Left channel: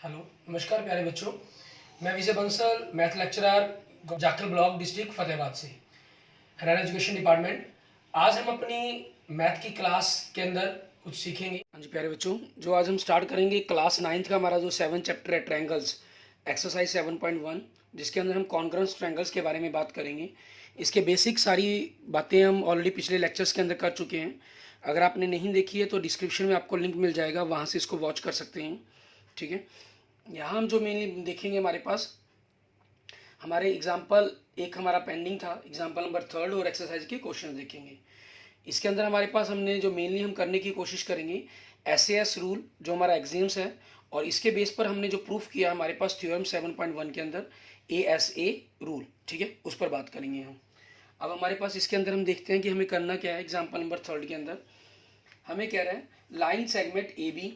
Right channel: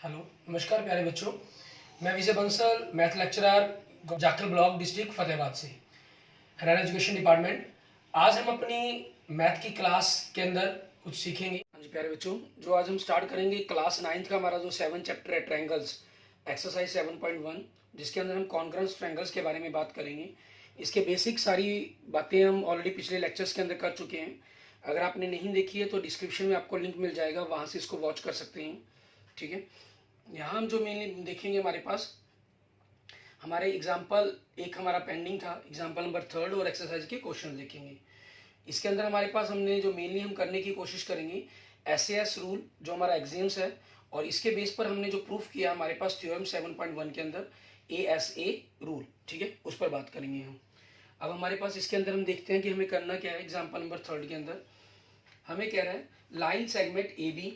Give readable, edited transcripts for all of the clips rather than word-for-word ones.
Hello, नमस्कार प्यारे बच्चों। मैं Vijay Bansal, math lecturer, Jakhal block, district Fatehabad से, हरियाणा एजुकेशन डिपार्टमेंट। आज हम अपनी मैथ की क्लास के अंदर कुछ सीखेंगे। हाँ जी प्यारे बच्चों, जो आज हम स्टार्ट करेंगे क्लास 9th का हमारा जो 7 चैप्टर है ट्रायंगल्स, एक्सरसाइज 7.1, जिसके अंदर हम कॉन्ग्रुएंस ट्रायंगल्स के बारे में बात करेंगे। इसके बेसिक सारी बातें हम ऑलरेडी पिछले लेक्चर्स के अंदर कर चुके हैं। अगर आपने नहीं देखी है तो डिस्क्रिप्शन में आपको लिंक मिल जाएगा, वहाँ से इसको वॉच कर सकते हैं। ठीक है, यहाँ हम जो मेनली देखेंगे, हमारे पास हमारे एग्जाम्पल एक हमारा पेंडिंग था, एग्जाम्पल नंबर 3 और एक्सरसाइज के क्वेश्चन देखेंगे। इसके अंदर हमारे पास हमने जो मेनली हम करने की कोशिश करेंगे SAS रूल, जो हमारा एग्जाम्स है, और इसके बेस पर हमने जो प्रूफ किया हमारे पास थ्योरम 7.1 के अंदर ASA रूल। ठीक है, उस पर बात करेंगे हम। अब हमारे पास इसके अंदर हम देखते हैं कि हमें करना क्या है। एग्जाम्पल नंबर 3 के अंदर हमें कह रहा है line segment AB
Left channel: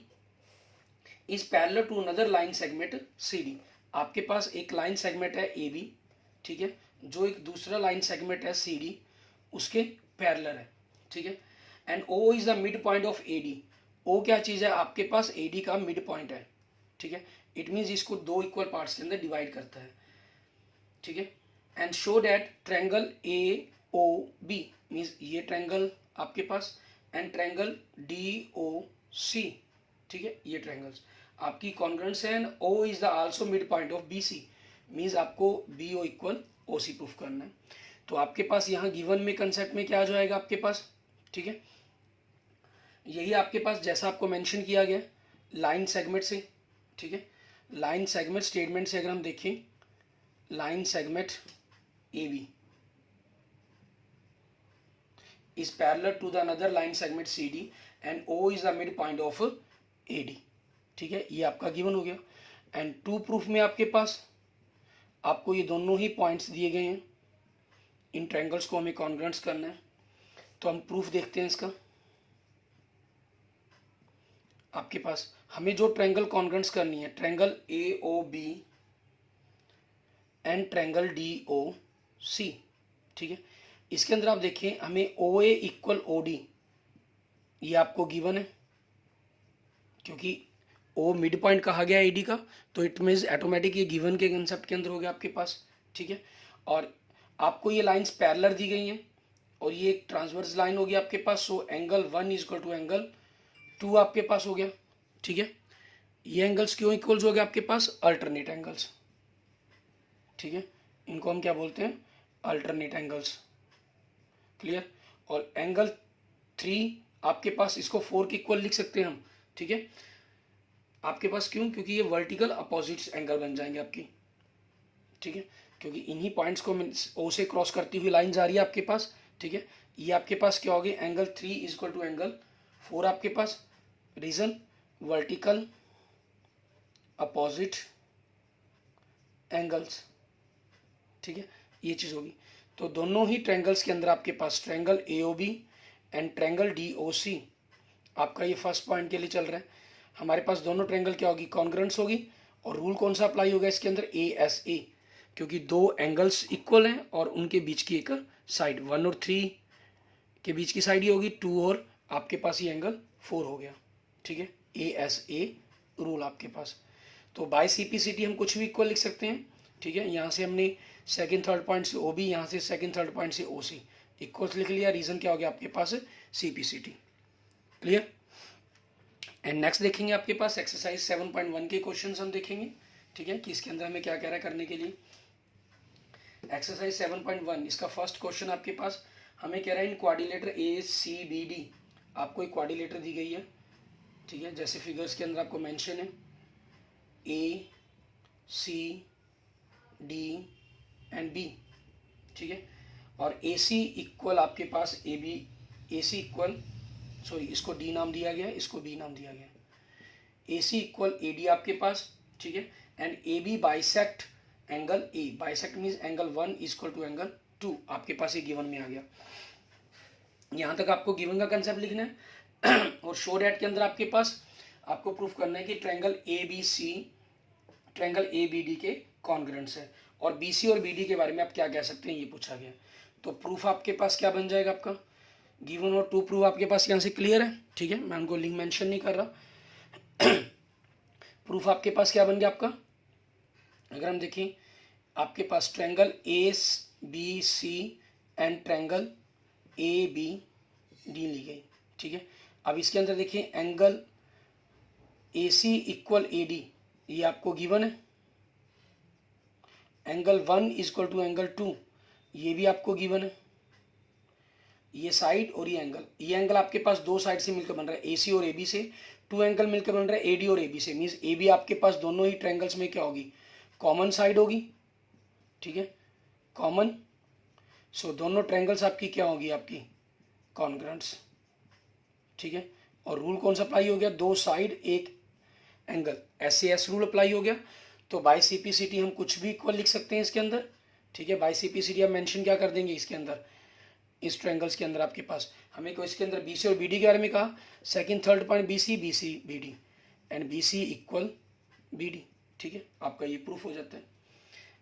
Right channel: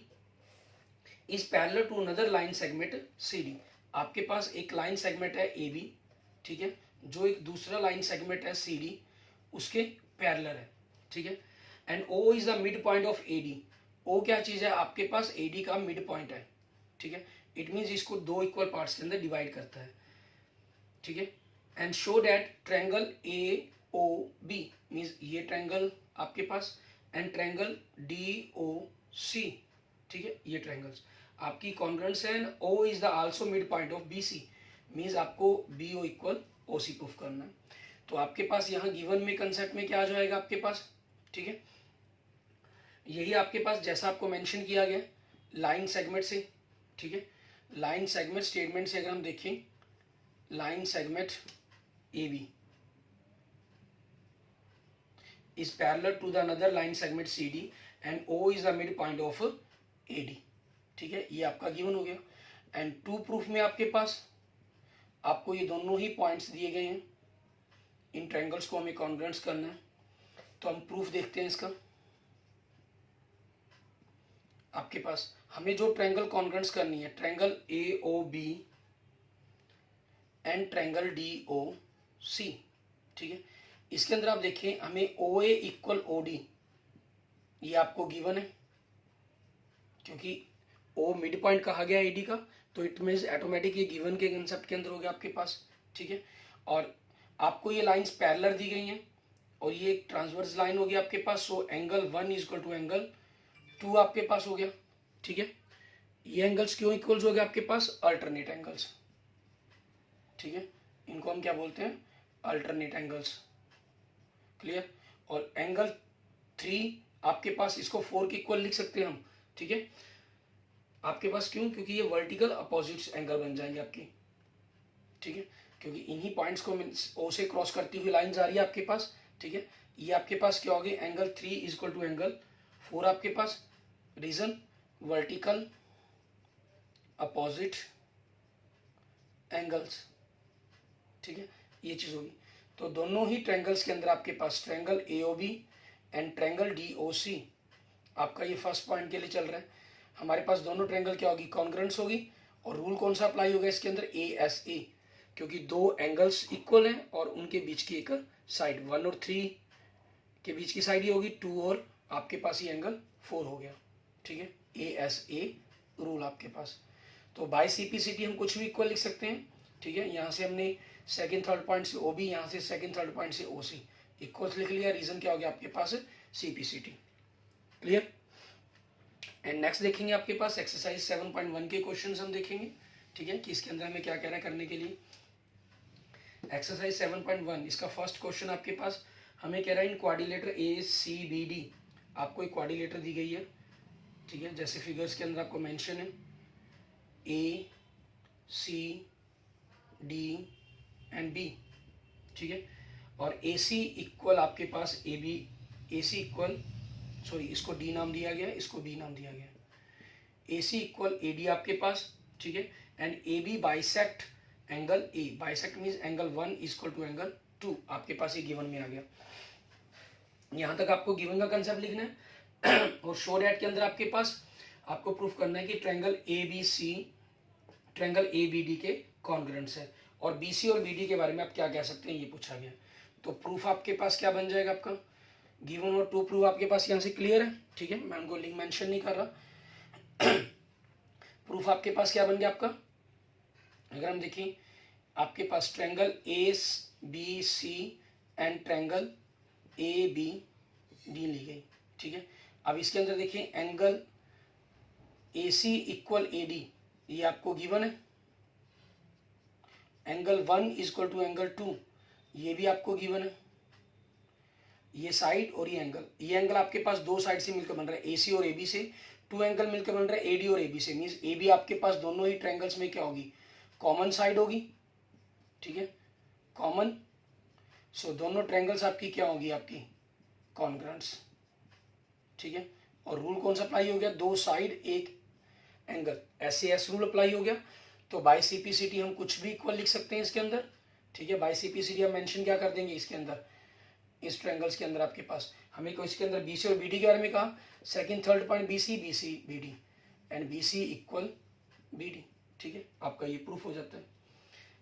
is parallel to another line segment CD। आपके पास एक लाइन सेगमेंट है AB, ठीक है, जो एक दूसरा लाइन सेगमेंट है CD, उसके पैरेलल है। ठीक है, and O is the mid point of AD। O क्या चीज है, आपके पास AD का मिड पॉइंट है। ठीक है, इट मीन्स इसको दो इक्वल पार्ट्स के अंदर डिवाइड करता है। ठीक है, and show that triangle AOB means ये ट्रायंगल आपके पास, एंड ट्रायंगल DOC, ठीक है, ये ट्रायंगल्स आपकी कॉन्ग्रुएंस है। And O is the also mid point of BC means आपको BO इक्वल OC प्रूफ करना है। तो आपके पास यहाँ गिवन में कंसेप्ट में क्या आ जाएगा आपके पास, ठीक है, यही आपके पास जैसा आपको मेंशन किया गया लाइन सेगमेंट से। ठीक है, लाइन सेगमेंट स्टेटमेंट से अगर हम देखें, line segment AB is parallel to the another line segment CD and O is the midpoint of AD। ठीक है, ये आपका गिवन हो गया। एंड टू प्रूफ में आपके पास आपको ये दोनों ही पॉइंट्स दिए गए हैं, इन ट्रायंगल्स को हमें कॉन्ग्रुएंस करना है। तो हम प्रूफ देखते हैं इसका। आपके पास हमें जो ट्रायंगल कॉन्ग्रुएंस करनी है, triangle AOB and triangle DOC। ठीक है, इसके अंदर आप देखें हमें OA इक्वल OD, ये आपको गिवन है, क्योंकि O मिड पॉइंट कहा गया AD का, तो इट मीन्स ऑटोमेटिक ये गिवन के कंसेप्ट के अंदर हो गया आपके पास। ठीक है, और आपको ये लाइंस पैरेलल दी गई हैं और ये एक ट्रांसवर्स लाइन होगी आपके पास। So angle 1 is equal to angle 2 आपके पास हो गया। ठीक है, ये एंगल्स क्यों इक्वल्स हो गए आपके पास, अल्टरनेट एंगल्स। ठीक है, इनको हम क्या बोलते हैं, अल्टरनेट एंगल्स। क्लियर, और एंगल 3 आपके पास, इसको 4 के इक्वल लिख सकते हैं हम। ठीक है, आपके पास क्यों, क्योंकि ये वर्टिकल अपोजिट एंगल बन जाएंगे आपकी। ठीक है, क्योंकि इन्हीं पॉइंट्स को O से क्रॉस करती हुई लाइन जा रही है आपके पास। ठीक है, ये आपके पास क्या होगी, angle 3 is equal to angle 4 आपके पास। Reason vertical opposite angles. ठीक है, ये चीज होगी। तो दोनों ही ट्रायंगल्स के अंदर आपके पास triangle AOB and triangle DOC, आपका ये फर्स्ट पॉइंट के लिए चल रहा है। हमारे पास दोनों ट्रायंगल क्या होगी, कॉन्ग्रुएंस होगी। और रूल कौन सा अप्लाई होगा इसके अंदर, ASA, क्योंकि दो एंगल्स इक्वल हैं और उनके बीच की एक साइड 1 और 3 के बीच की साइड ही होगी 2, और आपके पास ये एंगल 4 हो गया। ठीक है, ASA रूल आपके पास। तो बाय CPCT हम कुछ भी इक्वल लिख सकते हैं। ठीक है, यहाँ से हमने सेकंड थर्ड पॉइंट से OB, यहाँ से सेकंड थर्ड पॉइंट से OC इक्वल लिख लिया। रीजन क्या हो गया आपके पास, CPCT। क्लियर, एंड नेक्स्ट देखेंगे आपके पास एक्सरसाइज 7.1 के क्वेश्चंस हम देखेंगे। ठीक है, कि इसके अंदर हमें क्या कह रहा है करने के लिए। एक्सरसाइज 7.1 इसका फर्स्ट क्वेश्चन आपके पास हमें कह रहा है इन क्वाड्रिलेटर ACBD, आपको एक क्वाड्रिलेटर दी गई है। ठीक है, जैसे फिगर्स के अंदर आपको मेंशन है ACD एंड B। ठीक है, और AC इक्वल आपके पास AB, AC इक्वल, सॉरी इसको D नाम दिया गया है, इसको B नाम दिया गया है। AC इक्वल AD आपके पास। ठीक है, and AB bisect angle A, bisect means angle 1 equal to angle 2, आपके पास ये गिवन में आ गया। यहाँ तक आपको गिवन का कंसेप्ट लिखना है। और शो डैट के अंदर आपके पास आपको प्रूफ करना है कि ट्रायंगल ABC ट्रायंगल ABD के कॉन्ग्रुएंस है, और BC और BD के बारे में आप क्या कह सकते हैं, ये पूछा गया। तो प्रूफ आपके पास क्या बन जाएगा, आपका गिवन और टू प्रूफ आपके पास यहाँ से क्लियर है। ठीक है, मैं उनको लिंक मेंशन नहीं कर रहा। प्रूफ आपके पास क्या बन गया आपका, अगर हम देखें आपके पास triangle A B C and triangle A B D ली गई, ठीक है। अब इसके अंदर देखिए angle A C equal A D, ये आपको गिवन है। एंगल 1 इक्वल टू एंगल 2, ये भी आपको गिवन है। ये साइड और ये एंगल आपके पास दो साइड से मिलकर बन रहा है, ए सी और ए बी से। 2 एंगल मिलकर बन रहा है ए डी और ए बी से, मीन्स ए बी आपके पास दोनों ही ट्रायंगल्स में क्या होगी, कॉमन साइड होगी, ठीक है, कॉमन। सो दोनों ट्रायंगल्स आपकी क्या होगी, आपकी कॉन्ग्रुएंट्स, ठीक है। और रूल कौन सा अप्लाई हो गया, दो साइड एक एंगल, SAS रूल अप्लाई हो गया। तो बाय CPCT हम कुछ भी इक्वल लिख सकते हैं इसके अंदर, ठीक है। बाय CPCT हम मेंशन क्या कर देंगे इसके अंदर, इस ट्रायंगल्स के अंदर आपके पास हमें को इसके अंदर BC और BD के बारे में कहा, second third point BC BD and BC equal BD, ठीक है। आपका ये प्रूफ हो जाता है।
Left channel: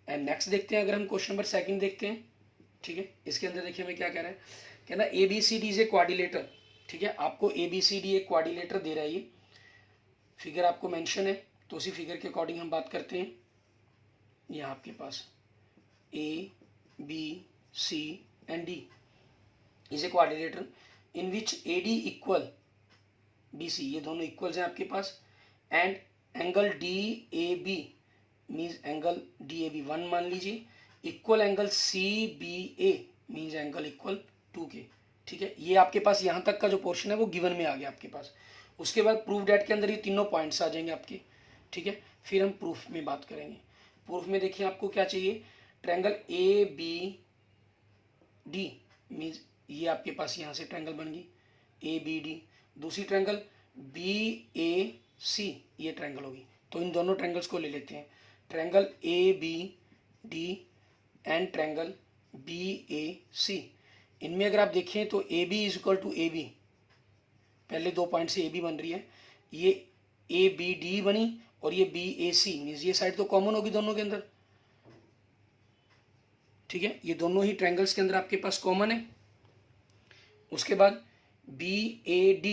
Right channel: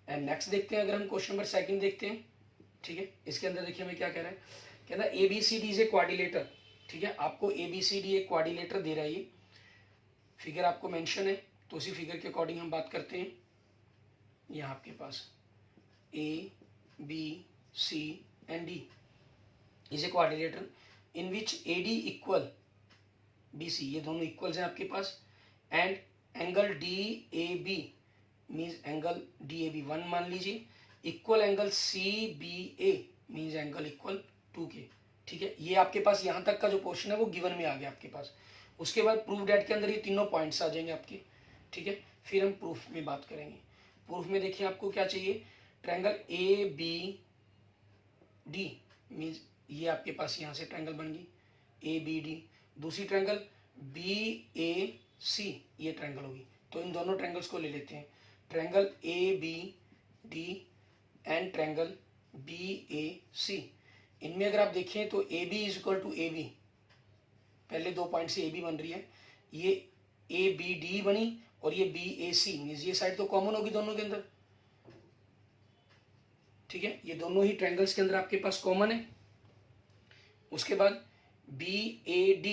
एंड नेक्स्ट देखते हैं, अगर हम क्वेश्चन नंबर 2 देखते हैं, ठीक है। इसके अंदर देखिए हमें क्या कह रहा है, कहना ABCD इज ए क्वाड्रिलेटर, ठीक है। आपको ABCD एक क्वाड्रिलेटर दे रहा है, ये फिगर आपको मेंशन है, तो उसी फिगर के अकॉर्डिंग हम बात करते हैं। यहाँ आपके पास ABC and D is a quadrilateral in which AD equal BC, ये दोनों इक्वल्स हैं आपके पास, and angle DAB means angle DAB 1 मान लीजिए, equal angle CBA means angle equal 2K, ठीक है। ये आपके पास यहाँ तक का जो पोर्शन है वो गिवन में आ गया आपके पास। उसके बाद प्रूफ डेट के अंदर ये तीनों पॉइंट्स आ जाएंगे आपके, ठीक है। फिर हम प्रूफ में बात करेंगे। प्रूफ में देखिए आपको क्या चाहिए, ट्रायंगल ABD मीन्स ये आपके पास यहाँ से ट्रायंगल बन गई ABD, दूसरी ट्रायंगल BAC, ये ट्रायंगल होगी। तो इन दोनों ट्रायंगल्स को ले लेते हैं, triangle ABD and triangle BAC। इनमें अगर आप देखें तो AB is equal to AB, पहले 2 पॉइंट से AB बन रही है, ये ABD बनी और ये BAC मीन्स ये साइड तो कॉमन होगी दोनों के अंदर, ठीक है। ये दोनों ही ट्रायंगल्स के अंदर आपके पास कॉमन है। उसके बाद BAD,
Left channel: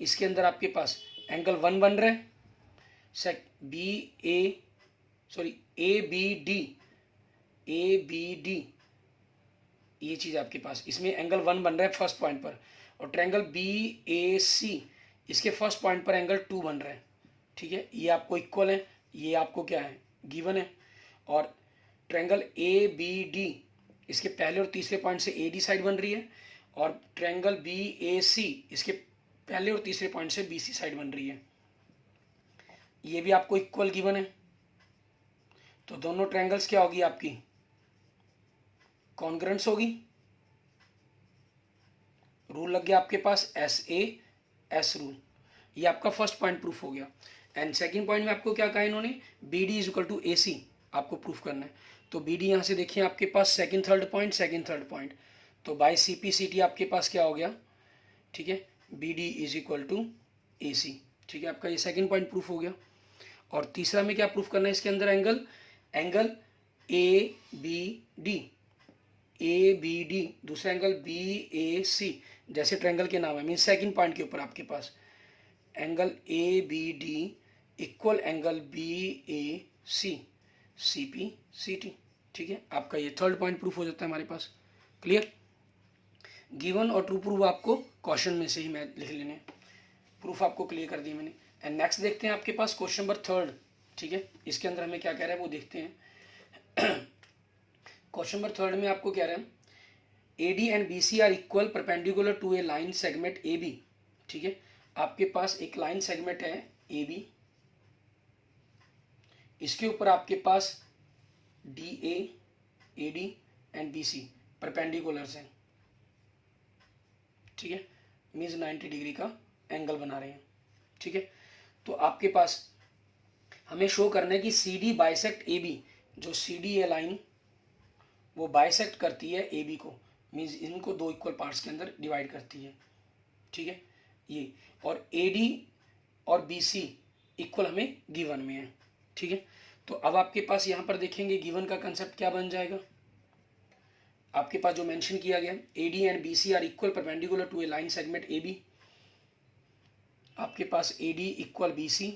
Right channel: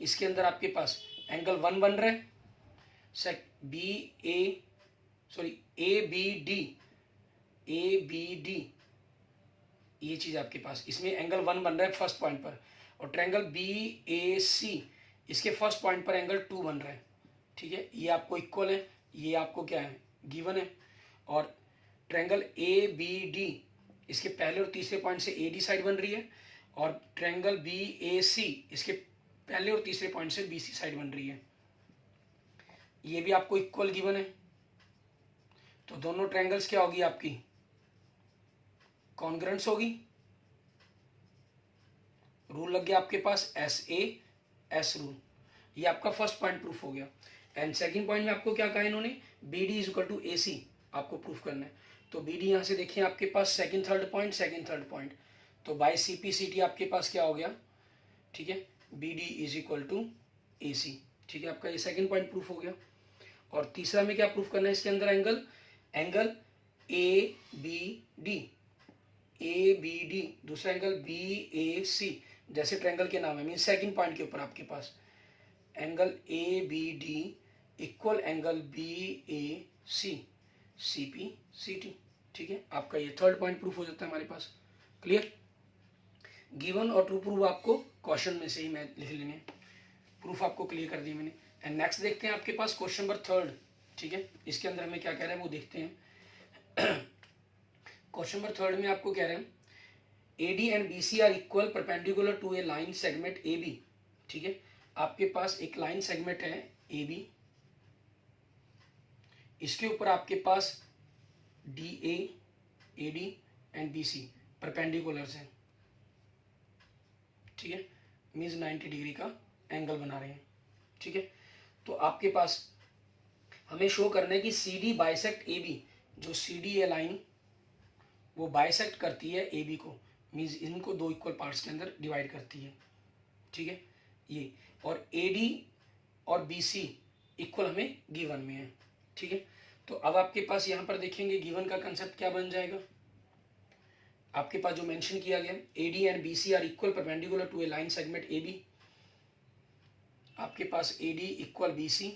इसके अंदर आपके पास एंगल 1 बन रहा है, ABD ये चीज आपके पास, इसमें एंगल 1 बन रहा है फर्स्ट पॉइंट पर, और ट्रायंगल BAC इसके फर्स्ट पॉइंट पर एंगल 2 बन रहा है, ठीक है। ये आपको इक्वल है, ये आपको क्या है, गिवन है। और ट्रायंगल ABD इसके पहले और तीसरे पॉइंट से AD साइड बन रही है, और ट्रायंगल BAC इसके पहले और तीसरे पॉइंट से BC साइड बन रही है, ये भी आपको इक्वल गिवन है। तो दोनों ट्रायंगल्स क्या होगी आपकी, कॉन्ग्रुएंट्स होगी। रूल लग गया आपके पास SAS रूल, ये आपका फर्स्ट पॉइंट प्रूफ हो गया। एंड सेकंड पॉइंट में आपको क्या कहा इन्होंने, BD is equal to AC आपको प्रूफ करना है। तो BD यहां से देखिए आपके पास सेकंड थर्ड पॉइंट, तो बाय CPCT आपके पास क्या हो गया, ठीक है, BD is equal to AC, ठीक है। आपका ये सेकंड पॉइंट प्रूफ हो गया। और तीसरा में क्या प्रूफ करना है इसके अंदर, एंगल ABD, दूसरा एंगल BAC, जैसे ट्रायंगल के नाम है, मीन सेकंड पॉइंट के ऊपर आपके पास angle ABD equal angle BAC CPCT, ठीक है। आपका ये थर्ड पॉइंट प्रूफ हो जाता है हमारे पास। क्लियर, गिवन और ट्रू प्रूफ आपको क्वेश्चन में से ही मैं लिख लेने, प्रूफ आपको क्लियर कर दी मैंने। एंड नेक्स्ट देखते हैं आपके पास क्वेश्चन नंबर 3, ठीक है। इसके अंदर हमें क्या कह रहा है वो देखते हैं। क्वेश्चन नंबर 3 में आपको कह रहे हैं AD एंड BC are equal perpendicular to a line segment AB, ठीक है। आपके पास एक लाइन सेगमेंट है AB, इसके ऊपर आपके पास DA, AD एंड BC परपेंडिकुलर्स हैं, ठीक है, मीन्स 90 डिग्री का एंगल बना रहे हैं, ठीक है। तो आपके पास हमें शो करना है कि CD बाइसेक्ट AB, जो CD है लाइन वो बाइसेक्ट करती है AB को, मीन्स इनको दो इक्वल पार्ट्स के अंदर डिवाइड करती है, ठीक है ये। और AD और BC इक्वल हमें गिवन में है, ठीक है। तो अब आपके पास यहाँ पर देखेंगे गिवन का कंसेप्ट क्या बन जाएगा, आपके पास जो मेंशन किया गया AD एंड BC are equal perpendicular to a line segment AB, आपके पास AD equal BC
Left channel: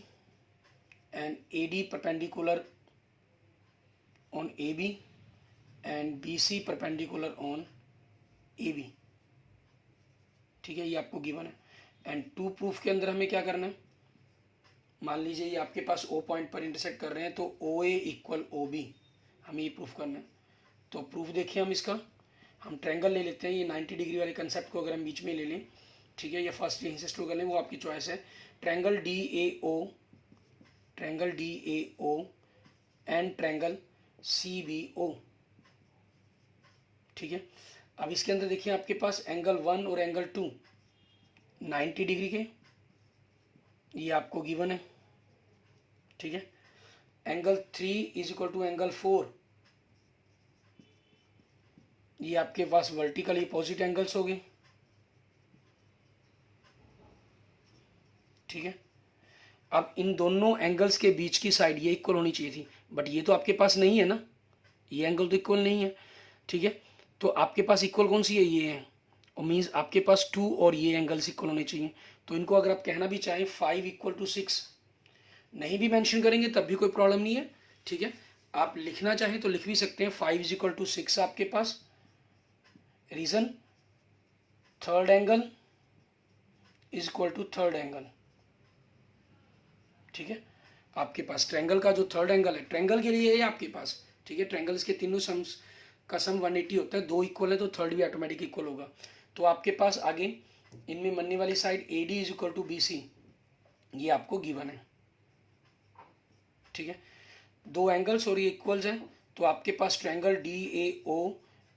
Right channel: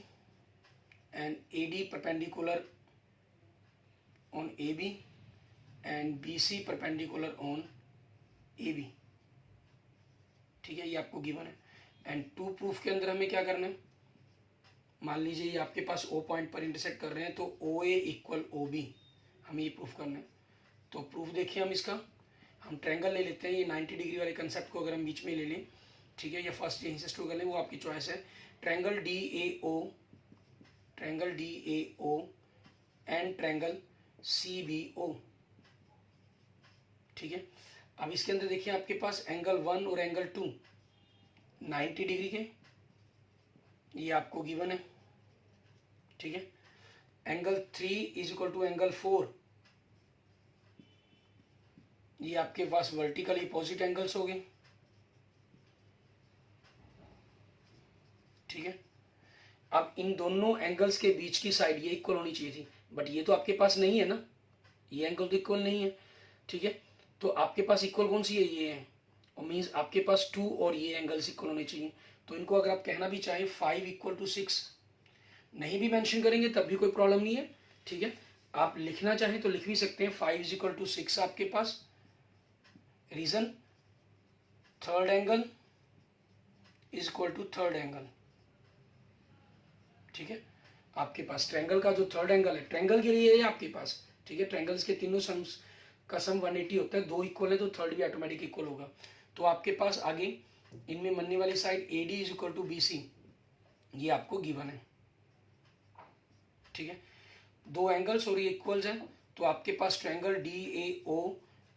and AD perpendicular on AB and BC perpendicular on AB, ठीक है, ये आपको गिवन है। एंड टू प्रूफ के अंदर हमें क्या करना है, मान लीजिए ये आपके पास O पॉइंट पर इंटरसेक्ट कर रहे हैं तो OA इक्वल OB हमें ये प्रूफ करना है। तो प्रूफ देखिए हम इसका, हम ट्रायंगल ले लेते हैं, ये 90 डिग्री वाले कंसेप्ट को अगर हम बीच में ले लें, ठीक है, या फर्स्ट यहीं से शुरू कर लें, वो आपकी चॉइस है। Triangle DAO and triangle CBO, ठीक है। अब इसके अंदर देखिए आपके पास एंगल 1 और एंगल 2 90 डिग्री के, ये आपको गिवन है, ठीक है। Angle 3 is equal to angle 4, ये आपके पास वर्टिकली अपोजिट एंगल्स हो गए, ठीक है। अब इन दोनों एंगल्स के बीच की साइड ये इक्वल होनी चाहिए थी, बट ये तो आपके पास नहीं है ना, ये एंगल तो इक्वल नहीं है, ठीक है। तो आपके पास इक्वल कौन सी है, ये है, और मीन्स आपके पास 2 और ये एंगल्स इक्वल होने चाहिए। तो इनको अगर आप कहना भी चाहें 5 इक्वल टू 6 नहीं भी मेंशन करेंगे तब भी कोई प्रॉब्लम नहीं है, ठीक है। आप लिखना चाहें तो लिख भी सकते हैं 5 इज इक्वल टू 6 आपके पास। Reason, third angle is equal to third angle, ठीक है। आपके पास ट्रायंगल का जो थर्ड एंगल है, ट्रायंगल के लिए है आपके पास, ठीक है। ट्रायंगल्स के तीनों सम्स का सम 180 होता है, 2 इक्वल है तो थर्ड भी ऑटोमेटिक इक्वल होगा। तो आपके पास आगे इनमें बनने वाली side AD is equal to BC, ये आपको गिवन है, ठीक है। 2 एंगल्स और ये इक्वल्स हैं, तो आपके पास triangle DAO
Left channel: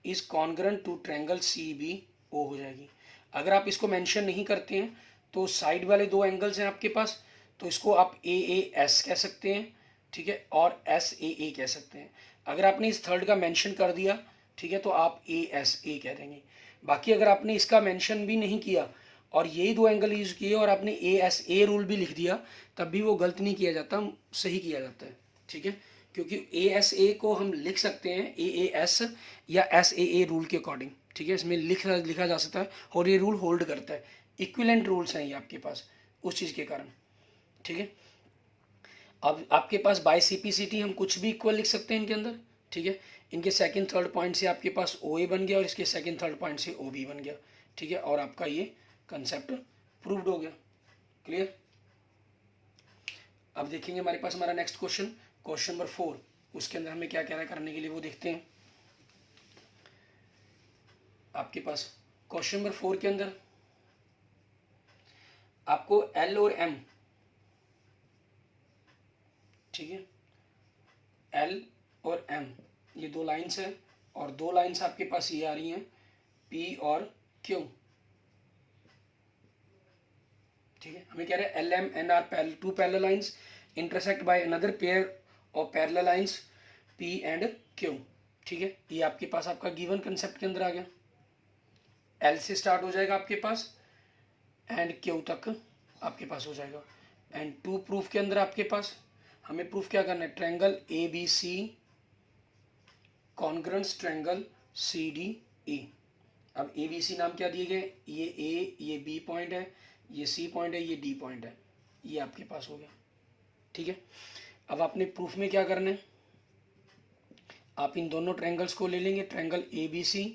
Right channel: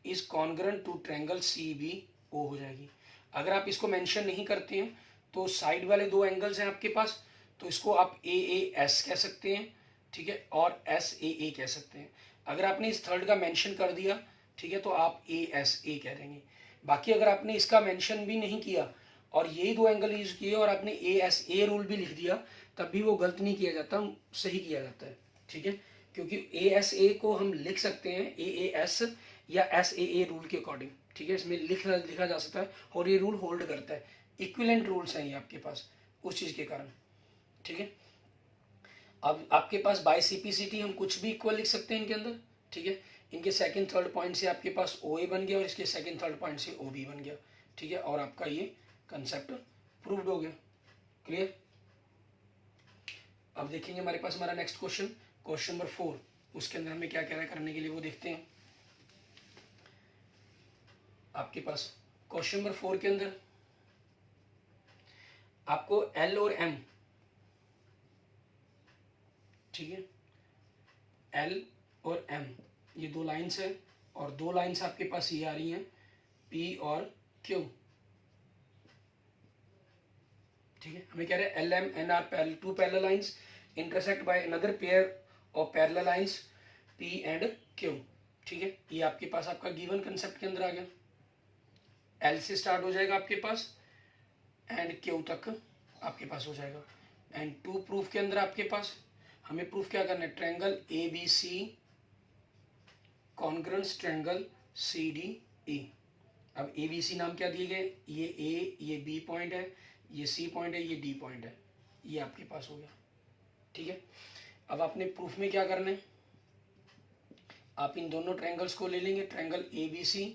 is congruent to triangle CBO हो जाएगी। अगर आप इसको मेंशन नहीं करते हैं तो साइड वाले 2 एंगल्स हैं आपके पास, तो इसको आप AAS कह सकते हैं, ठीक है, और SAA कह सकते हैं। अगर आपने इस थर्ड का मेंशन कर दिया, ठीक है, तो आप ASA कह देंगे। बाकी अगर आपने इसका मेंशन भी नहीं किया और यही 2 एंगल यूज किए और आपने ASA रूल भी लिख दिया, तब भी वो गलत नहीं किया जाता, सही किया जाता है, ठीक है। क्योंकि ASA को हम लिख सकते हैं AAS या SAA रूल के अकॉर्डिंग, ठीक है, इसमें लिखा जा सकता है और ये रूल होल्ड करता है। इक्विवेलेंट रूल्स हैं ये आपके पास उस चीज़ के कारण, ठीक है। अब आपके पास बाय CPCT हम कुछ भी इक्वल लिख सकते हैं इनके अंदर, ठीक है। इनके सेकंड थर्ड पॉइंट से आपके पास OA बन गया और इसके सेकंड थर्ड पॉइंट से OB बन गया, ठीक है, और आपका ये कंसेप्ट प्रूव्ड हो गया। क्लियर। अब देखेंगे हमारे पास हमारा नेक्स्ट क्वेश्चन, क्वेश्चन नंबर 4, उसके अंदर हमें क्या क्या है करने के लिए वो देखते हैं। आपके पास क्वेश्चन नंबर 4 के अंदर आपको L और M, ठीक है, L और M ये 2 लाइन्स है और 2 लाइन्स आपके पास ये आ रही हैं P और Q, ठीक है। हमें कह रहे हैं LM and R 2 parallel lines intersect by another pair of parallel lines P and Q, ठीक है। ये आपके पास आपका गिवन कंसेप्ट के अंदर आ गया। L से स्टार्ट हो जाएगा आपके पास एंड Q तक आपके पास हो जाएगा। एंड 2 प्रूफ के अंदर आपके पास हमें प्रूफ क्या करना है, triangle ABC congruent triangle CDE। अब ABC नाम क्या दिए गए, ये A, ये B पॉइंट है, ये C पॉइंट है, ये D पॉइंट है, ये आपके पास हो गया, ठीक है। अब आपने प्रूफ में क्या करना है, आप इन दोनों ट्रायंगल्स को ले लेंगे, triangle ABC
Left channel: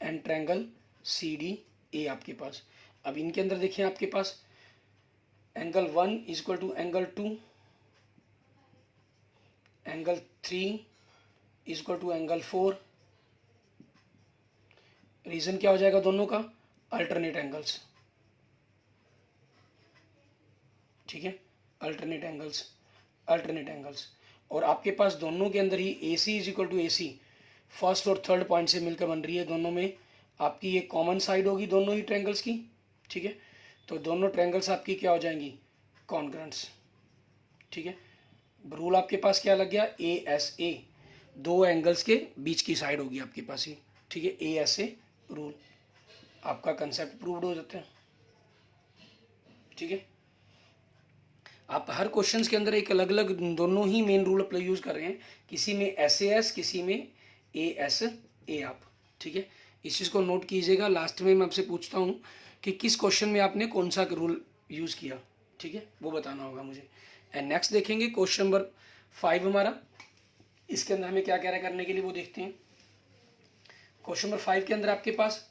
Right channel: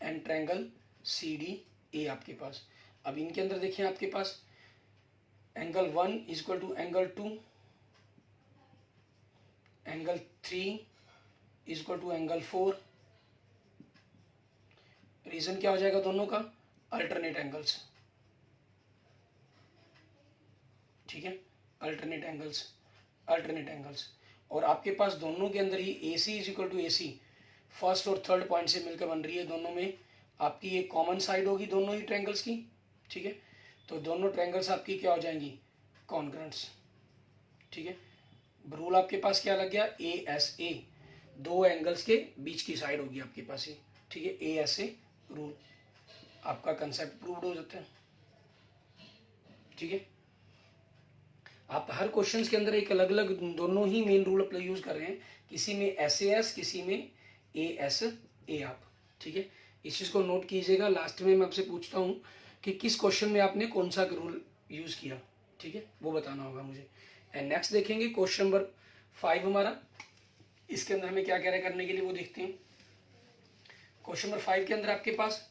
and triangle CDA आपके पास। अब इनके अंदर देखिए आपके पास angle 1 is equal to angle 2, angle 3 is equal to angle 4। Reason क्या हो जाएगा दोनों का, अल्टरनेट एंगल्स, ठीक है, अल्टरनेट एंगल्स। और आपके पास दोनों के अंदर ही AC is equal to AC first और थर्ड पॉइंट से मिलकर बन रही है। दोनों में आपकी ये कॉमन साइड होगी दोनों ही ट्रायंगल्स की, ठीक है। तो दोनों ट्रायंगल्स आपकी क्या हो जाएंगी, कॉन्ग्रुएंट्स, ठीक है। रूल आपके पास क्या लग गया, ASA, 2 एंगल्स के बीच की साइड होगी आपके पास ये, ठीक है, ASA रूल, आपका कंसेप्ट प्रूव्ड हो जाता है, ठीक है। आप हर क्वेश्चंस के अंदर एक अलग अलग दोनों ही मेन रूल अप्लाई यूज कर रहे हैं, किसी में SAS किसी में ASA आप, ठीक है। इस चीज़ को नोट कीजिएगा। लास्ट में मैं आपसे पूछता हूँ कि किस क्वेश्चन में आपने कौन सा रूल यूज़ किया, ठीक है, वो बताना होगा मुझे। एंड नेक्स्ट देखेंगे क्वेश्चन नंबर 5 हमारा, इसके अंदर हमें क्या कह रहा है करने के लिए वो देखते हैं। क्वेश्चन नंबर 5 के अंदर आपके पास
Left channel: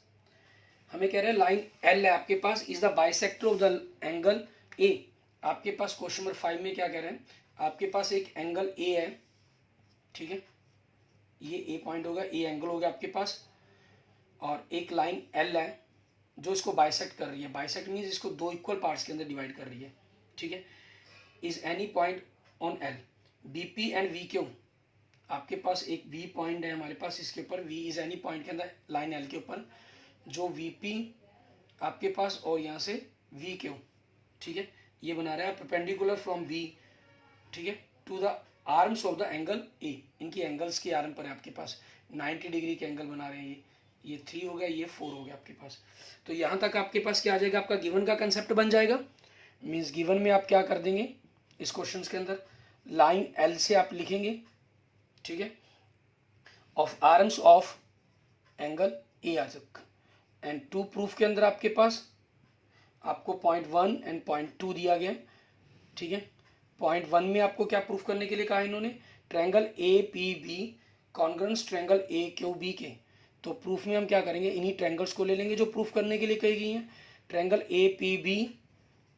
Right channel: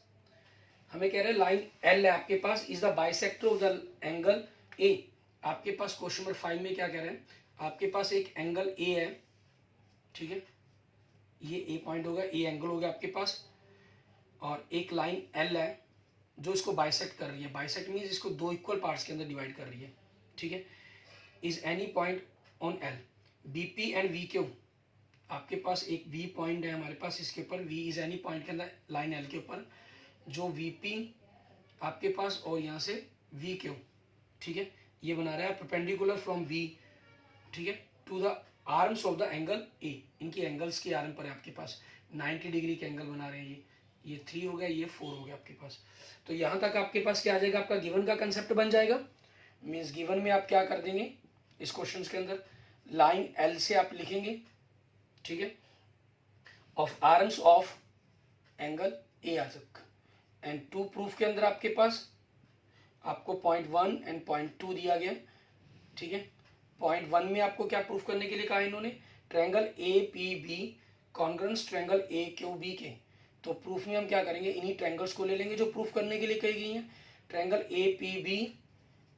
हमें कह रहे हैं लाइन एल है आपके पास, is the bisector of the angle A. आपके पास क्वेश्चन नंबर 5 में क्या कह रहे हैं, आपके पास एक एंगल ए है, ठीक है, ये ए पॉइंट होगा, ए एंगल होगा आपके पास, और एक लाइन एल है जो इसको बाइसेक्ट कर रही है। बाइसेक्ट मीन्स इसको दो इक्वल पार्ट्स के अंदर डिवाइड कर रही है, ठीक है। Is any point on L B P and V Q, आपके पास एक वी पॉइंट है हमारे पास, इसके ऊपर वी इज एनी पॉइंट के अंदर लाइन एल के ऊपर जो वी पी आपके पास और यहाँ से वी क्यू, ठीक है, ये बना रहा है परपेंडिकुलर फ्रॉम बी, ठीक है, to the arms of the angle A. इनकी एंगल्स के आर्म पर है आपके पास 90 डिग्री के एंगल बना रहे हैं। ये 3 हो गया, ये 4 हो गया आपके पास। तो यहाँ तक आपके पास क्या आ जाएगा, आपका गिवन का कंसेप्ट बन जाएगा। मीन्स गिवन में आप क्या कर देंगे, इस क्वेश्चन के अंदर लाइन एल से आप लिखेंगे, ठीक है, of arms of angle A आ सकता। एंड टू प्रूफ के अंदर आपके पास आपको पॉइंट 1 एंड पॉइंट 2 दिया गया, ठीक है। पॉइंट 1 में आपको क्या प्रूफ करने के लिए कहा इन्होंने, triangle A P B congruence triangle A Q B के। तो प्रूफ में हम क्या करेंगे, इन्हीं ट्रायंगल्स को ले लेंगे जो प्रूफ करने के लिए कही गई हैं, triangle A P B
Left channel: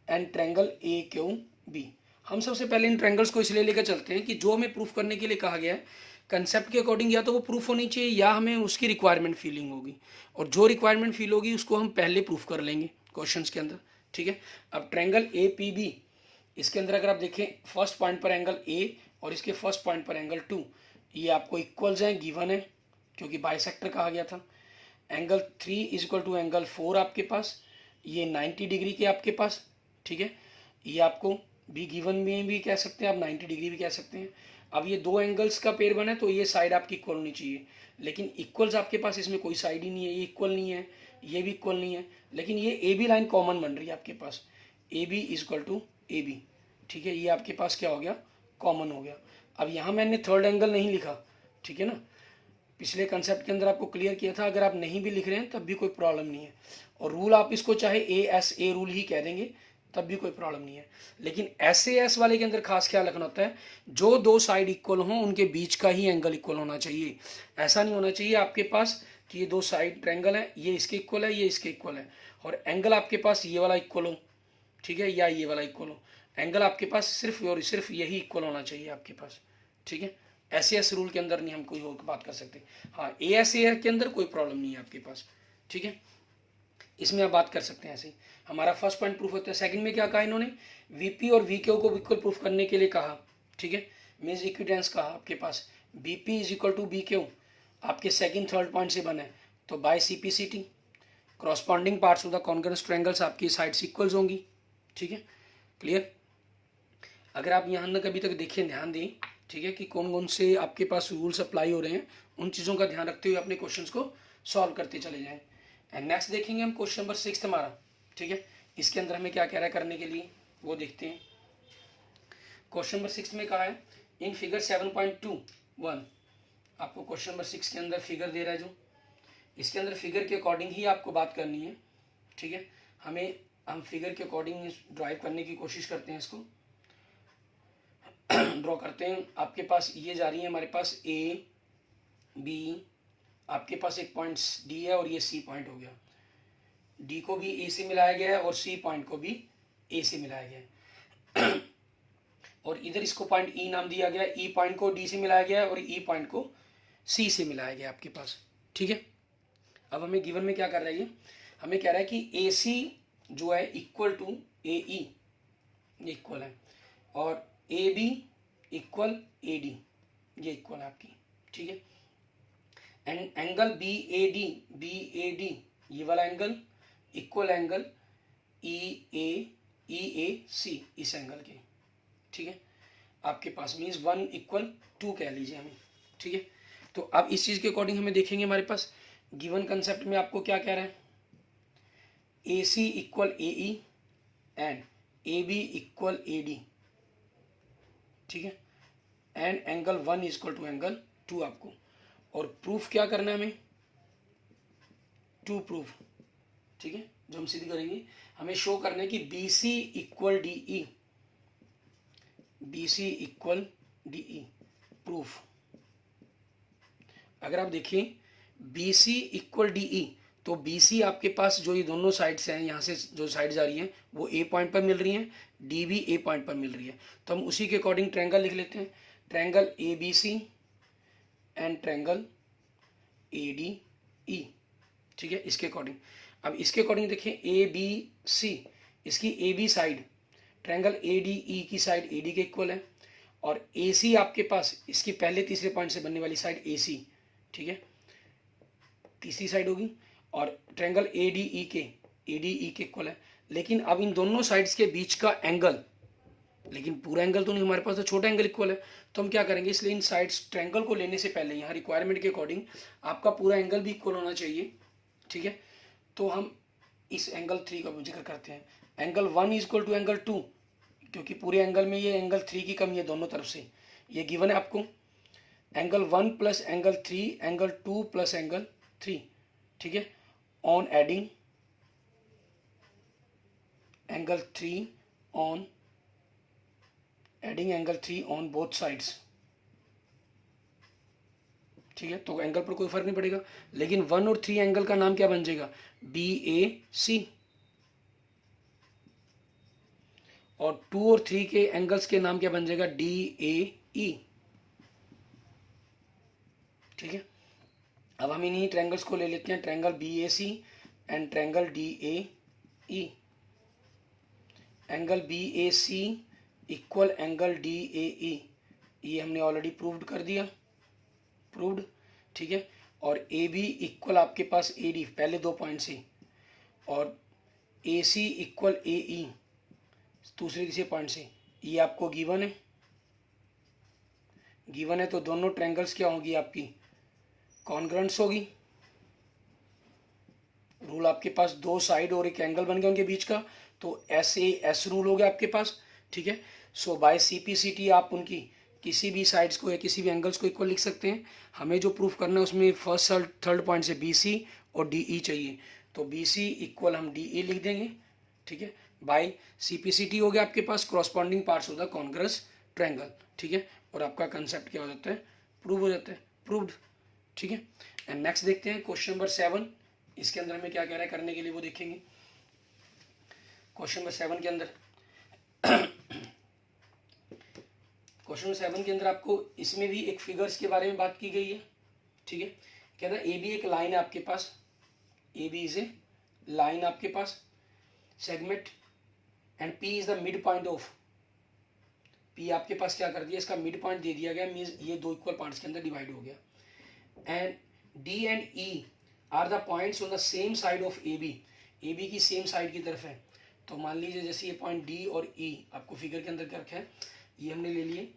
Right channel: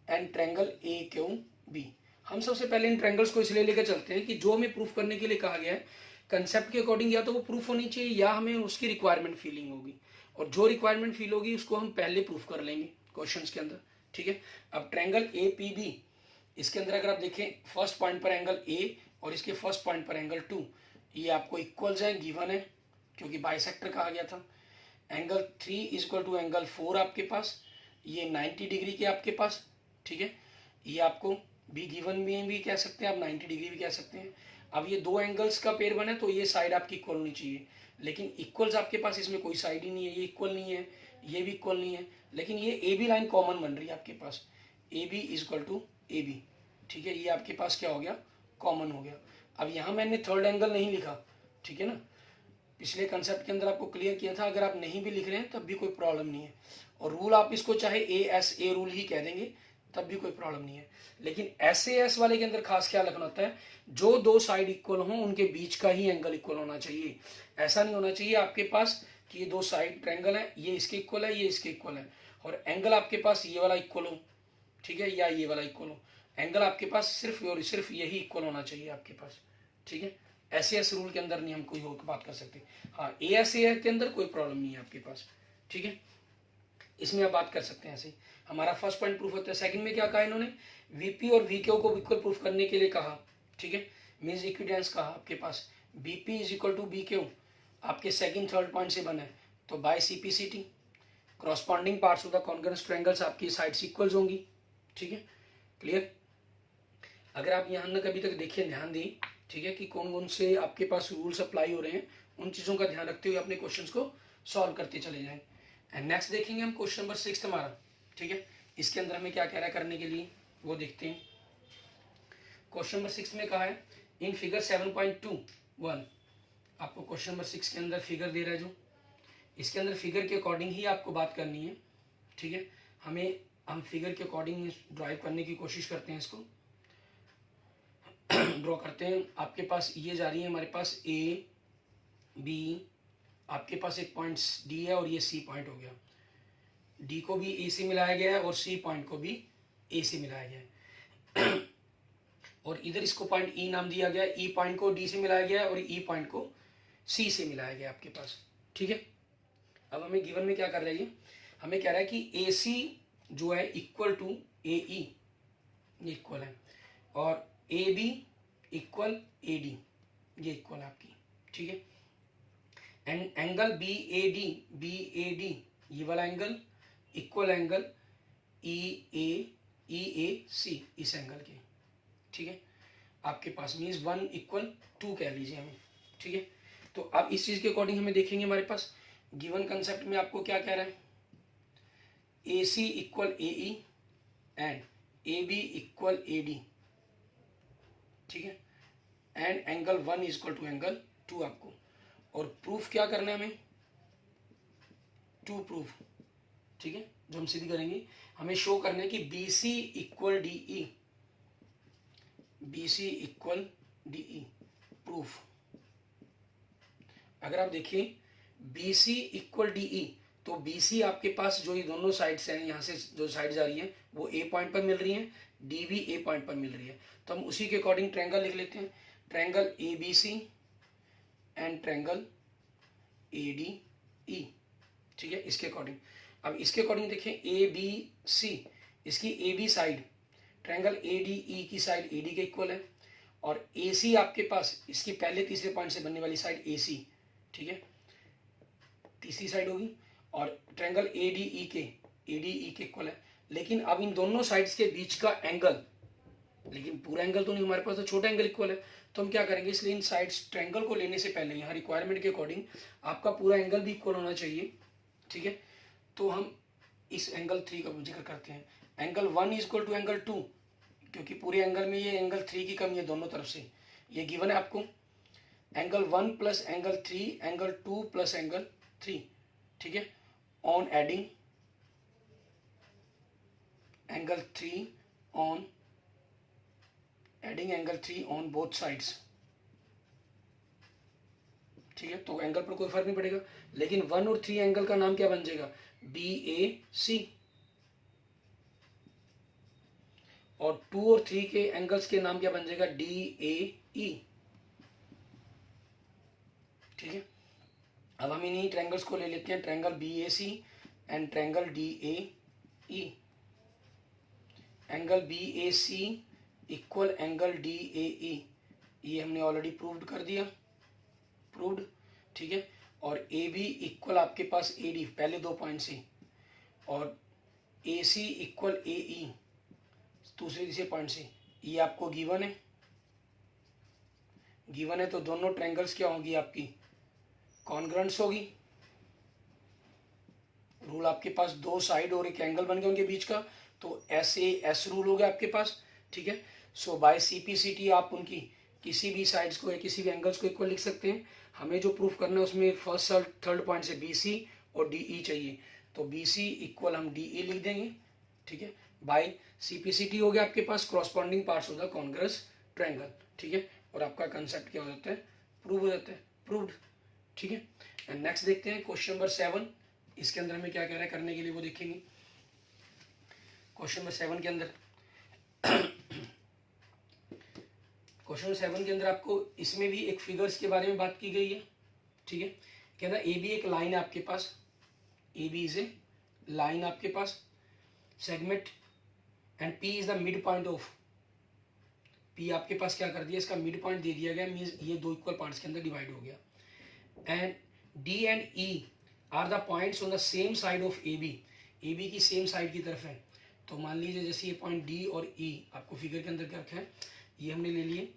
and triangle A Q B. हम सबसे पहले इन ट्रायंगल्स को इसलिए लेकर चलते हैं कि जो हमें प्रूफ करने के लिए कहा गया है कंसेप्ट के अकॉर्डिंग या तो वो प्रूफ होनी चाहिए या हमें उसकी रिक्वायरमेंट फीलिंग होगी, और जो रिक्वायरमेंट फील होगी उसको हम पहले प्रूफ कर लेंगे क्वेश्चंस के अंदर, ठीक है। अब ट्रायंगल ए पी बी, इसके अंदर अगर आप देखें फर्स्ट पॉइंट पर एंगल ए और इसके फर्स्ट पॉइंट पर एंगल 2, ये आपको इक्वल्स हैं, गिवन है क्योंकि बाइसेक्टर कहा गया था। Angle 3 is equal to angle 4 आपके पास, ये 90 डिग्री के आपके पास, ठीक है। ये आपको भी गिवन में भी कह सकते हैं, आप 90 डिग्री भी कह सकते हैं। अब ये दो एंगल्स का पेयर बना है तो ये साइड आपकी इक्वल होनी चाहिए, लेकिन इक्वल्स आपके पास इसमें कोई साइड ही नहीं है, ये इक्वल नहीं है, ये भी इक्वल नहीं है, लेकिन ये ए बी लाइन कॉमन बन रही है आपके पास, A B is equal to A B, ठीक है, ये आपके पास क्या हो गया, कॉमन हो गया। अब यहाँ मैंने थर्ड एंगल नहीं लिखा, ठीक है ना, पिछले कंसेप्ट के अंदर आपको क्लियर किया था, अगर आप नहीं भी लिख रहे हैं तब भी कोई प्रॉब्लम नहीं है, और रूल आप इसको चाहे ए एस ए रूल ही कह देंगे तब भी कोई प्रॉब्लम नहीं है। लेकिन एस ए एस वाले के अंदर खास ख्याल रखना होता है, जो दो साइड इक्वल हों उनके बीच का ही एंगल इक्वल होना चाहिए। ऐसा नहीं होना चाहिए आपके पास कि ये दो साइड ट्रायंगल है, ये इसके इक्वल है, ये इसके इक्वल है, और एंगल आपके पास ये वाला इक्वल हो, ठीक है, या ये वाला इक्वल हो। एंगल आपके पास सिर्फ और सिर्फ यही इक्वल होना चाहिए आपके पास, ठीक है। एस एस रूल के अंदर नहीं हम कोई और बात कर सकते। हाँ, ए एस ए के अंदर कोई प्रॉब्लम नहीं है आपके पास, ठीक है, इसमें आप बात कर सकते हैं ऐसे ही। हमारा फर्स्ट पॉइंट प्रूफ होता है। सेकंड में क्या कहा इन्होंने, वीपी और वीक्यू को इक्वल प्रूफ करने के लिए कहा, ठीक है, मीन्स इक्विडेंस कहा आपके पास BP is equal to BQ आपके सेकंड थर्ड पॉइंट से बने, तो by CPCT corresponding parts of the congruence triangles आपकी साइड्स इक्वल्स होंगी, ठीक है, क्लियर। अगर आप यहाँ ना कभी तक देखिए, ध्यान दें, ठीक है, कि कौन कौन से आपके पास रूल्स अप्लाई हो रहे हैं, उन चीज़ों का ध्यान रखते हुए अपने क्वेश्चंस को सॉल्व करते चले जाएं। एंड नेक्स्ट देखेंगे हम क्वेश्चन नंबर 6 हमारा, ठीक है, इसके अंदर हमें क्या कह रहा है करने के लिए वो देखते हैं। क्वेश्चन नंबर 6 में कहा है इन फिगर 7.21, आपको क्वेश्चन नंबर 6 के अंदर फिगर दे रहा है, जो इसके अंदर फिगर के अकॉर्डिंग ही आपको बात करनी है, ठीक है। हम फिगर के अकॉर्डिंग ड्राइव करने की कोशिश करते हैं, इसको ड्रॉ करते हैं। आपके पास ये जा रही है हमारे पास ए बी, आपके पास एक पॉइंट डी है और ये सी पॉइंट हो गया, डी को भी ए से मिलाया गया है और सी पॉइंट को भी ए से मिलाया गया है और इधर इसको पॉइंट ई नाम दिया गया है, ई पॉइंट को डी से मिलाया गया है और ई पॉइंट को सी से मिलाया गया है आपके पास, ठीक है। अब हमें गिवन में क्या कर रहा है, हमें कह रहा है कि ए सी जो है इक्वल टू ए ई, ये इक्वल है, और A B equal A D, ये इक्वल है आपकी, ठीक है। And angle B A D ये वाला angle equal angle E A C इस एंगल के, ठीक है, आपके पास मीन्स 1 इक्वल 2 कह लीजिए हमें, ठीक है। तो अब इस चीज़ के अकॉर्डिंग हमें देखेंगे हमारे पास गिवन कंसेप्ट में आपको क्या कह रहा है, A C equal A E and A B equal A D, ठीक है, and angle 1 is equal to angle 2 आपको, और प्रूफ क्या करना है हमें, 2 प्रूफ, ठीक है, जो हम सीधी करेंगे, हमें शो करना है कि B C equal D E, B C equal D E. Proof, अगर आप देखें B C equal D E, तो बी सी आपके पास जो ये दोनों साइड्स हैं, यहाँ से जो साइड्स आ रही हैं वो ए पॉइंट पर मिल रही हैं, डी भी ए पॉइंट पर मिल रही है, तो हम उसी के अकॉर्डिंग ट्रायंगल लिख लेते हैं। Triangle A B C and triangle A D E, ठीक है, इसके अकॉर्डिंग। अब इसके अकॉर्डिंग देखें ए बी सी, इसकी A B side triangle A D E की साइड ए डी के इक्वल है, और ए सी आपके पास इसकी पहले तीसरे पॉइंट से बनने वाली साइड ए सी, ठीक है, तीसरी साइड होगी, और ट्रायंगल ए डी ई के इक्वल है। लेकिन अब इन दोनों साइड्स के बीच का एंगल, लेकिन पूरा एंगल तो नहीं हमारे पास, तो छोटा एंगल इक्वल है, तो हम क्या करेंगे, इसलिए इन साइड्स ट्रायंगल को लेने से पहले यहाँ रिक्वायरमेंट के अकॉर्डिंग आपका पूरा एंगल भी इक्वल होना चाहिए, ठीक है। तो हम इस एंगल 3 का जिक्र करते हैं। Angle 1 is equal to angle 2, क्योंकि पूरे एंगल में ये एंगल 3 की कमी है दोनों तरफ से, ये गिवन है आपको। Angle 1 plus angle 3, angle 2 plus angle 3, ठीक है, on adding angle 3 on adding angle 3 on both sides, ठीक है, तो एंगल पर कोई फर्क नहीं पड़ेगा। लेकिन 1 और 3 एंगल का नाम क्या बन जाएगा, बी ए सी, और 2 और 3 के एंगल्स के नाम क्या बन जाएगा, डी ए ई, ठीक है। अब हम इन्हीं ट्रायंगल्स को ले लेते हैं, triangle B A C and triangle D A E. Angle B A C equal angle D A E, ये हमने ऑलरेडी प्रूव्ड कर दिया, प्रूव्ड, ठीक है। और ए बी इक्वल आपके पास ए डी, पहले 2 पॉइंट से, और ए सी इक्वल ए ई दूसरे तीसरे पॉइंट से, ये आपको गिवन है, गिवन है, तो दोनों ट्रायंगल्स क्या होगी आपकी, कॉन्ग्रुएंट्स होगी। रूल आपके पास 2 साइड और एक एंगल बन गया उनके बीच का, तो एस ए एस रूल हो गया आपके पास, ठीक है। सो बाय सीपीसीटी आप उनकी किसी भी साइड्स को या किसी भी एंगल्स को इक्वल लिख सकते हैं। हमें जो प्रूफ करना है उसमें फर्स्ट थर्ड पॉइंट से बी सी और डी ई चाहिए, तो बी सी इक्वल हम डी ई लिख देंगे, ठीक है, बाय सीपीसीटी हो गया आपके पास, corresponding parts of the congruence triangle, ठीक है, और आपका कंसेप्ट क्या हो जाता है, प्रूव हो जाता है, प्रूव्ड, ठीक है। एंड नेक्स्ट देखते हैं क्वेश्चन नंबर 7, इसके अंदर हमें क्या कह रहा है करने के लिए वो देखेंगे। क्वेश्चन नंबर 7 के अंदर क्वेश्चन 7 के अंदर आपको इसमें भी एक फिगर्स के बारे में बात की गई है, ठीक है। कहता है ए बी एक लाइन है आपके पास, A B is a line आपके पास, segment, and P is the mid point of, P आपके पास क्या कर दिया, इसका मिड पॉइंट दे दिया गया, मीन्स ये 2 इक्वल पार्ट्स के अंदर डिवाइड हो गया। And D and E are the points on the same side of A B की सेम साइड की तरफ है। तो मान लीजिए जैसे ये पॉइंट डी और ई आपको फिगर के अंदर क्या रखा है, ये हमने ले लिए,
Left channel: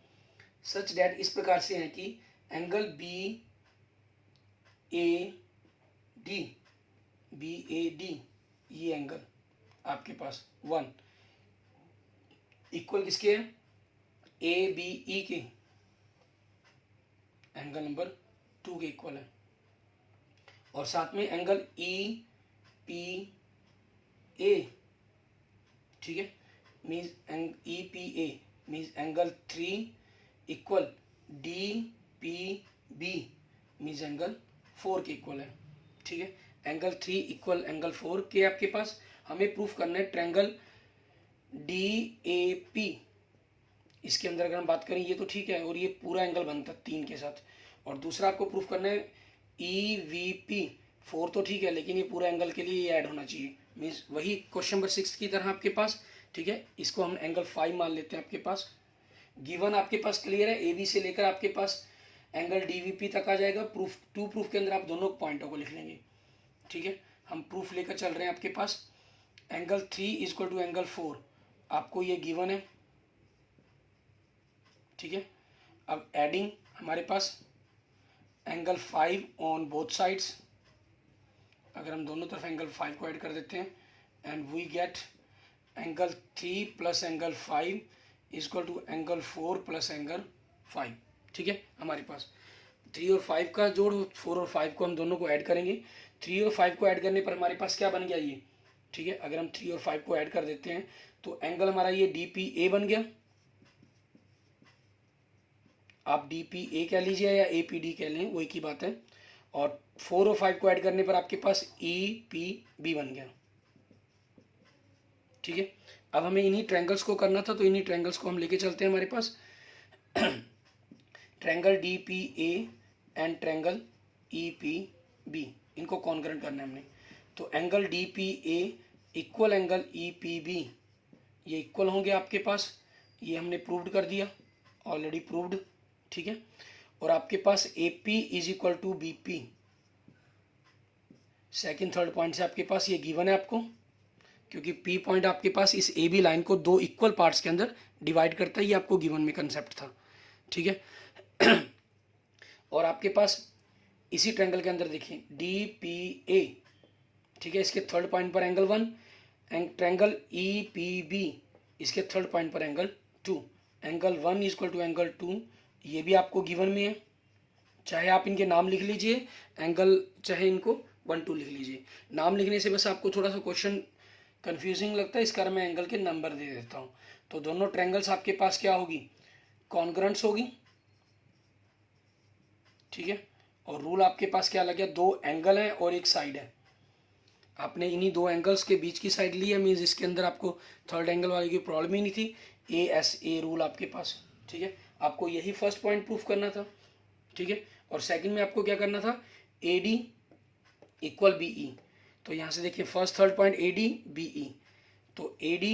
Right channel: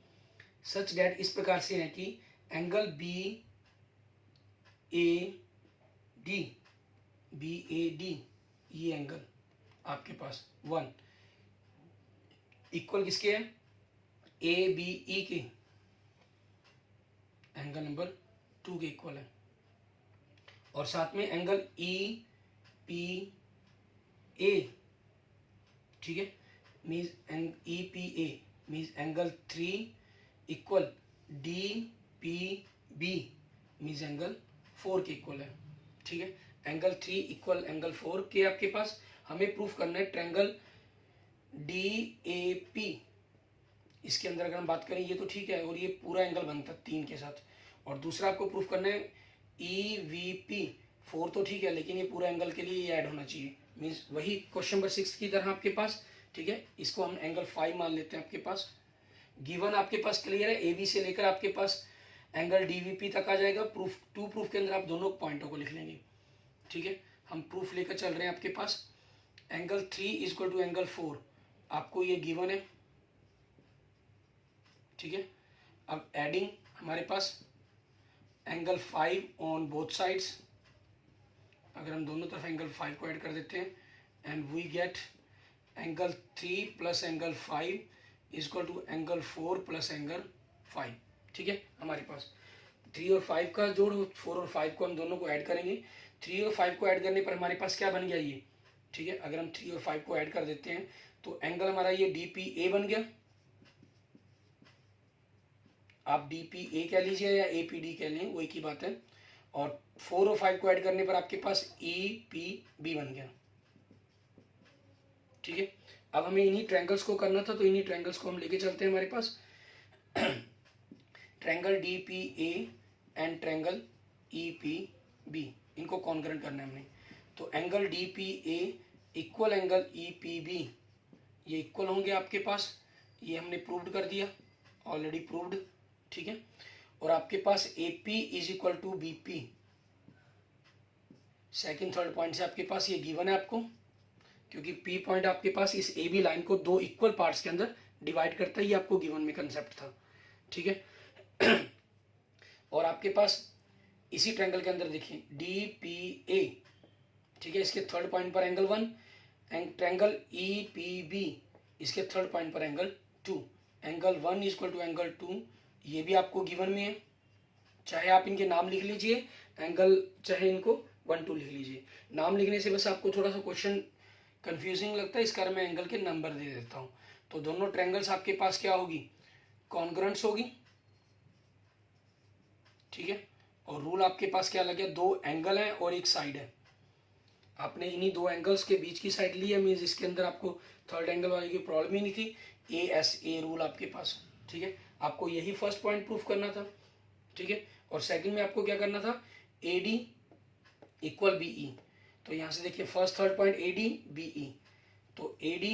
सच डैट इस प्रकार से है कि एंगल बी ए डी, ये एंगल आपके पास 1 इक्वल किसके है, ए बी ई के एंगल नंबर 2 के इक्वल है, और साथ में एंगल ई पी ए, ठीक है, means E P A means angle 3 equal D P B means angle 4 के इक्वल है, ठीक है। एंगल 3 इक्वल एंगल 4 के आपके पास, हमें प्रूफ करना है ट्रायंगल डी ए पी, इसके अंदर अगर हम बात करें ये तो ठीक है, और ये पूरा एंगल बनता है 3 के साथ, और दूसरा आपको प्रूफ करना है ई वी पी, 4 तो ठीक है, लेकिन ये पूरा एंगल के लिए ये ऐड होना चाहिए, मीन्स वही क्वेश्चन नंबर 6 की तरह आपके पास, ठीक है। इसको हम एंगल 5 मान लेते हैं आपके पास, गिवन आपके पास क्लियर है, ए बी से लेकर आपके पास एंगल डी वी पी तक आ जाएगा। प्रूफ 2 प्रूफ के अंदर आप दोनों पॉइंटों को लिख लेंगे, ठीक है। हम प्रूफ लेकर चल रहे हैं आपके पास, angle 3 is equal to angle 4, आपको ये गिवन है, ठीक है। अब एडिंग हमारे पास एंगल 5 ऑन बोथ साइड्स, अगर हम दोनों तरफ एंगल 5 को ऐड कर देते हैं, and we get angle 3 plus angle 5 is equal to angle 4 plus angle 5, ठीक है। हमारे पास 3 और 5 का जोड़, 4 और 5 को हम दोनों को ऐड करेंगे, 3 और 5 को ऐड करने पर हमारे पास क्या बन गया ये, ठीक है। अगर हम 3 और 5 को ऐड कर देते हैं तो एंगल हमारा ये डी पी ए बन गया, आप DPA कह लीजिए या APD कह लें, वही की बात है। और 4 और 5 को ऐड करने पर आपके पास EPB बन गया। ठीक है, अब हमें इन्हीं ट्रायंगल्स को करना था, तो इन्हीं ट्रायंगल्स को हम लेके चलते हैं हमारे पास। Triangle DPA and triangle EPB, इनको कॉन्करेंट करना है हमने। तो angle DPA equal angle EPB, ये इक्वल होंगे आपके पास, ये हमने प्रूव्ड कर दिया, ऑलरेडी प्रूव्ड। ठीक है, और आपके पास AP is equal to BP, second third point से आपके पास ये गिवन है आपको, क्योंकि P पॉइंट आपके पास इस AB लाइन को दो इक्वल पार्ट्स के अंदर डिवाइड करता है, ये आपको गिवन में कंसेप्ट था। ठीक है, और आपके पास इसी ट्रायंगल के अंदर देखिए DPA, ठीक है, इसके थर्ड पॉइंट पर एंगल 1, एंड ट्रायंगल EPB इसके थर्ड पॉइंट पर angle 2, angle 1 equal to angle 2, ये भी आपको गिवन में है। चाहे आप इनके नाम लिख लीजिए, एंगल चाहे इनको 1 2 लिख लीजिए। नाम लिखने से बस आपको थोड़ा सा क्वेश्चन कंफ्यूजिंग लगता है, इस कारण मैं एंगल के नंबर दे देता हूँ। तो दोनों ट्रायंगल्स आपके पास क्या होगी, कॉन्ग्रुएंट्स होगी। ठीक है, और रूल आपके पास क्या लग गया, दो एंगल है और एक साइड है, आपने इन्हीं दो एंगल्स के बीच की साइड ली है, मीन्स इसके अंदर आपको थर्ड एंगल वाले की प्रॉब्लम ही नहीं थी। ASA रूल आपके पास। ठीक है, आपको यही फर्स्ट पॉइंट प्रूफ करना था। ठीक है, और सेकंड में आपको क्या करना था, AD इक्वल BE। तो यहाँ से देखिए first third point AD BE, तो AD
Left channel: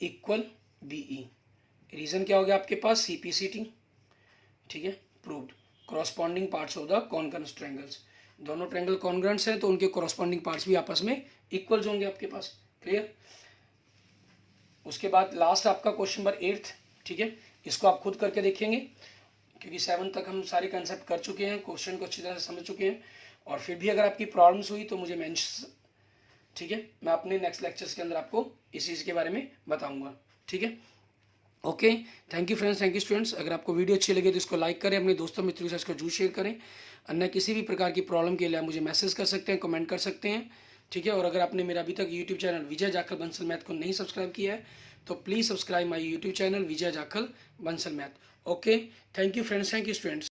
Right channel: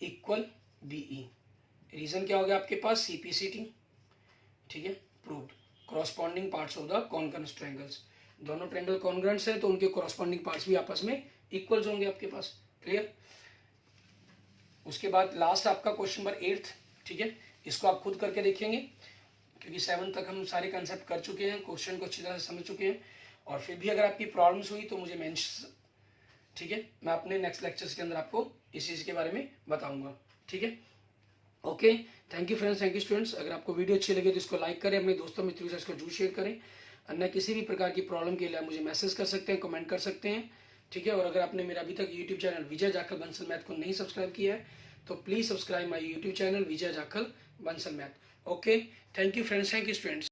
इक्वल BE, रीजन क्या हो गया आपके पास, CPCT। ठीक है, proved. Corresponding parts of the congruent triangles, दोनों ट्रायंगल कॉन्ग्रुएंट्स हैं तो उनके कॉरस्पॉन्डिंग पार्ट्स भी आपस में इक्वल्स होंगे आपके पास। क्लियर। उसके बाद लास्ट आपका क्वेश्चन नंबर 8। ठीक है, इसको आप खुद करके देखेंगे, क्योंकि 7 तक हम सारे कंसेप्ट कर चुके हैं, क्वेश्चन को अच्छी तरह से समझ चुके हैं। और फिर भी अगर आपकी प्रॉब्लम्स हुई तो मुझे मेंशन, ठीक है, मैं अपने नेक्स्ट लेक्चर्स के अंदर आपको इस चीज़ के बारे में बताऊंगा। ठीक है, okay, thank you friends, thank you students. अगर आपको वीडियो अच्छी लगे तो इसको लाइक करें, अपने दोस्तों मित्रों के साथ इसको जरूर शेयर करें। अन्य किसी भी प्रकार की प्रॉब्लम के लिए आप मुझे मैसेज कर सकते हैं, कमेंट कर सकते हैं। ठीक है, और अगर आपने मेरा अभी तक यूट्यूब चैनल विजय जाखल बंसल मैथ को नहीं सब्सक्राइब किया है तो please subscribe my YouTube channel Vijay Jakhal Bansal math. Okay, thank you friends, thank you students.